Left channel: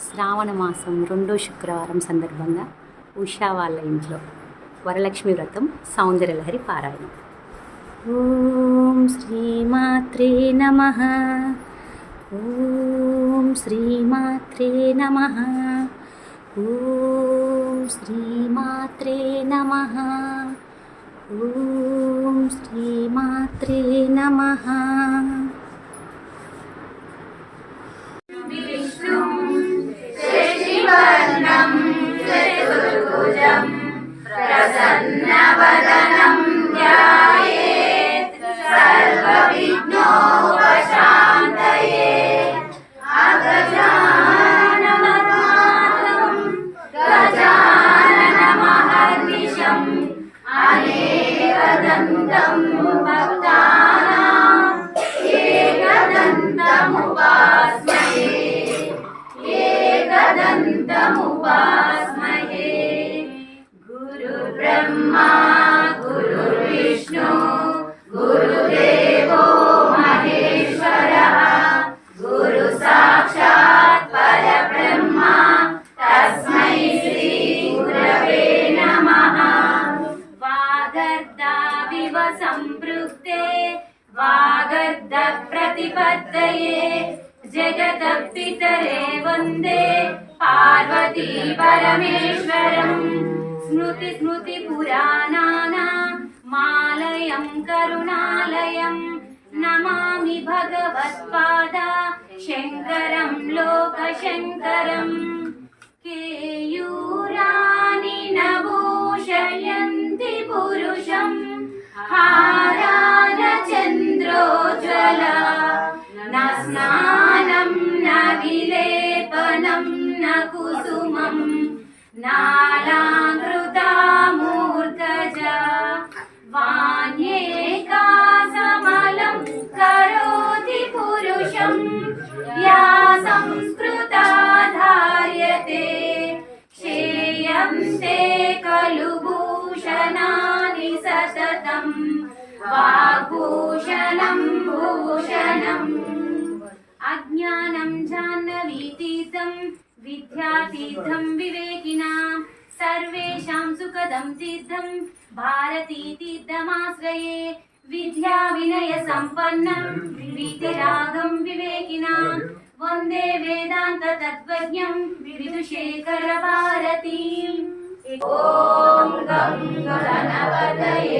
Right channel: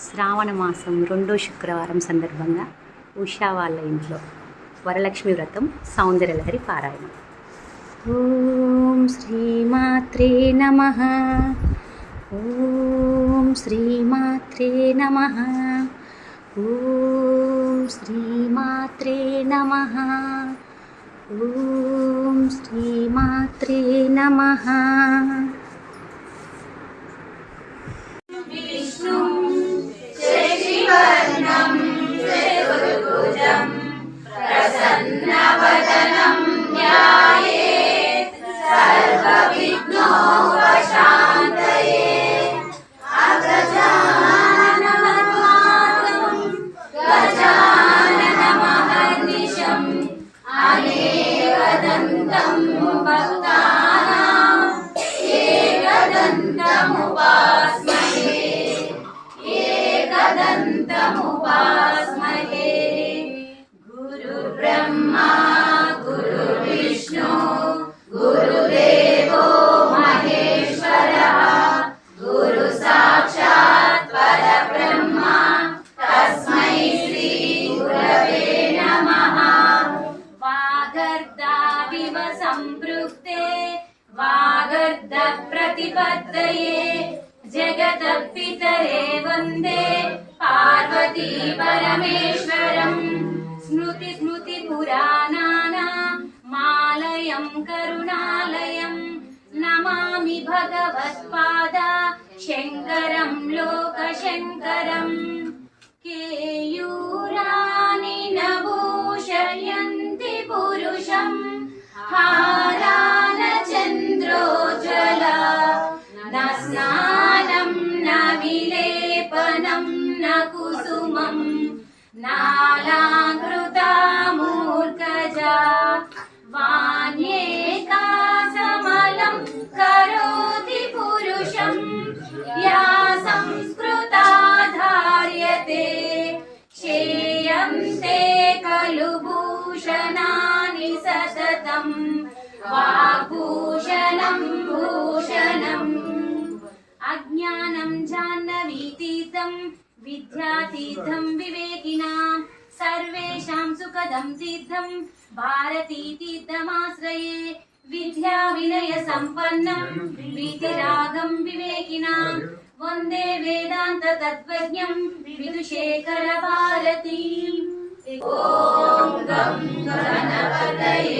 శ్రావణ మాసం రెండో శుక్రవారం సందర్భంగా ఉషా వాళ్ళ ఇంట్లో వరలక్ష్మి వ్రతం సౌందర్యలహరి పారాయణం. ఓం శ్రీమాత్రే నమ. ఓం శ్రీమాత్రే నమ. ఓం శ్రీమాత్రే నమ. ఓం శ్రీమాత్రే నమ. सन्नभजनं ज्ञानो प्रशान्तये गजाननमहर्निशम् अनेकदन्तम् प्रतिपत्तये जगतपितरे वंदे पार्वती परमेश्वरम् स्मृति स्मृतिपुराणानाम् मालयं करुणालयं। नमामि भगवत्पादा शङ्करं लोकशङ्करम् केयूराणि वाग्भूषणं भूषणम् अज्ञानं जाह्नवीतीर्थं विद्यातीर्थं विवेकिनां सर्वेषां सुखदं तीर्थं भारतीतीर्थमाश्रये विद्या विनय सम्पन्नं वीतरागं विवेकिनां वन्दे वेदान्त तत्त्वज्ञं विदुशेखर भारतीम् ॐ गं गणपतये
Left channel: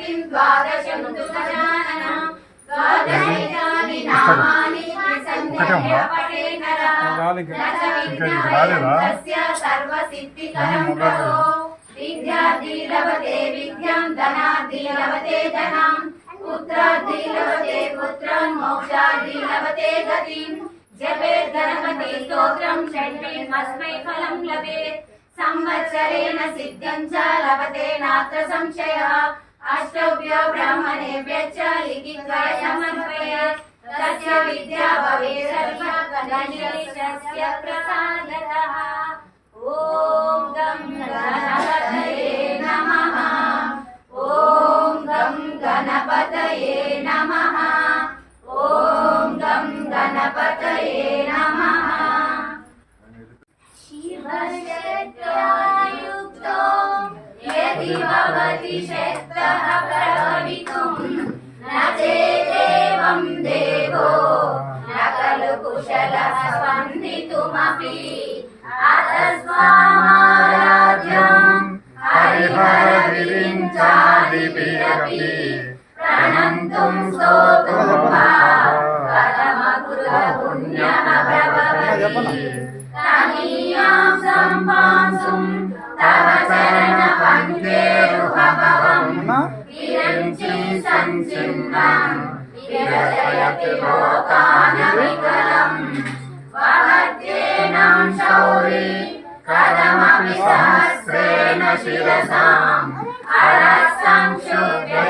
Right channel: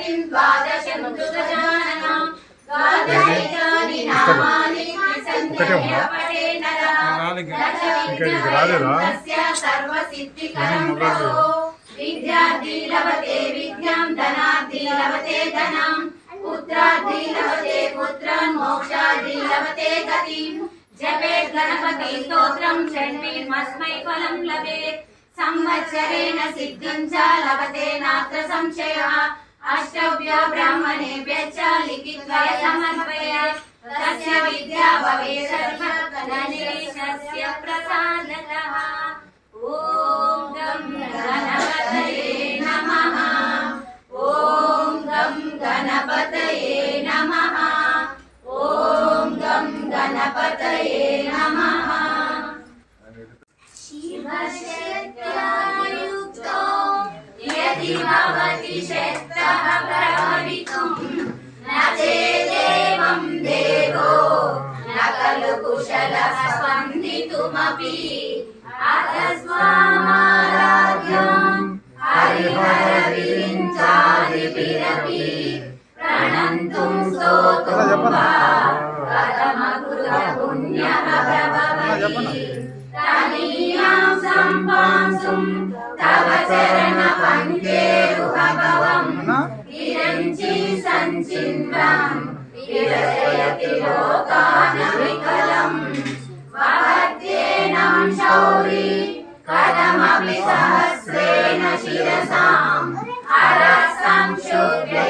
జ్యోతిం ద్వాదశంతు గజానన ద్వాదశైతాని నామాని సంధ్యయ పటేనర. దశవిఘ్న భయంకస్య సర్వసిద్ధికరం ప్రభో. విద్యార్థి లభతే విద్యాం ధనార్థి లభతే ధనం. పుత్రార్థి లభతే పుత్రం మోక్షార్థి లభతే గతిం. జపే సంవత్సరేణ సిద్ధిం చ లభతే నాత్ర సంశయः. अष्टभ्यो ब्राह्मणेभ्य च लिखित्वा तस्य विद्या भवेदस्य प्रसादतः। ॐ गं गणपतये नमः। ॐ गं गणपतये नमः। ॐ गं गणपतये नमः। शिवशक्त्या यदि भवति शक्तः प्रभवितुं न चेदेवं देवो न खलु कुशलः स्पन्दितुमपि अथ स्वामाराध्यम् हरिहरविरिञ्चादिभिरपि प्रणन्तुं स्तोतुं वा कथमपुरुपुण्यः प्रभवति तनीयां सम्पांसुं तव चरण పంచేరుహభవం విరంచి సంచిన్వం విరజయతి లోకాన వికలం వహత్యేనం శౌరి కదమపి సహస్రేణ శిరసాం హరసం శుభ్రయ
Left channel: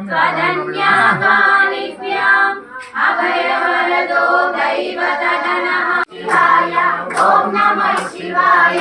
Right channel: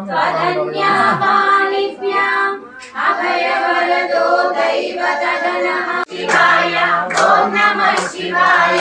त्वदन्याकानिभ्याम् अभयवरदो दैवतगणः शिवाय ॐ नमः शिवाय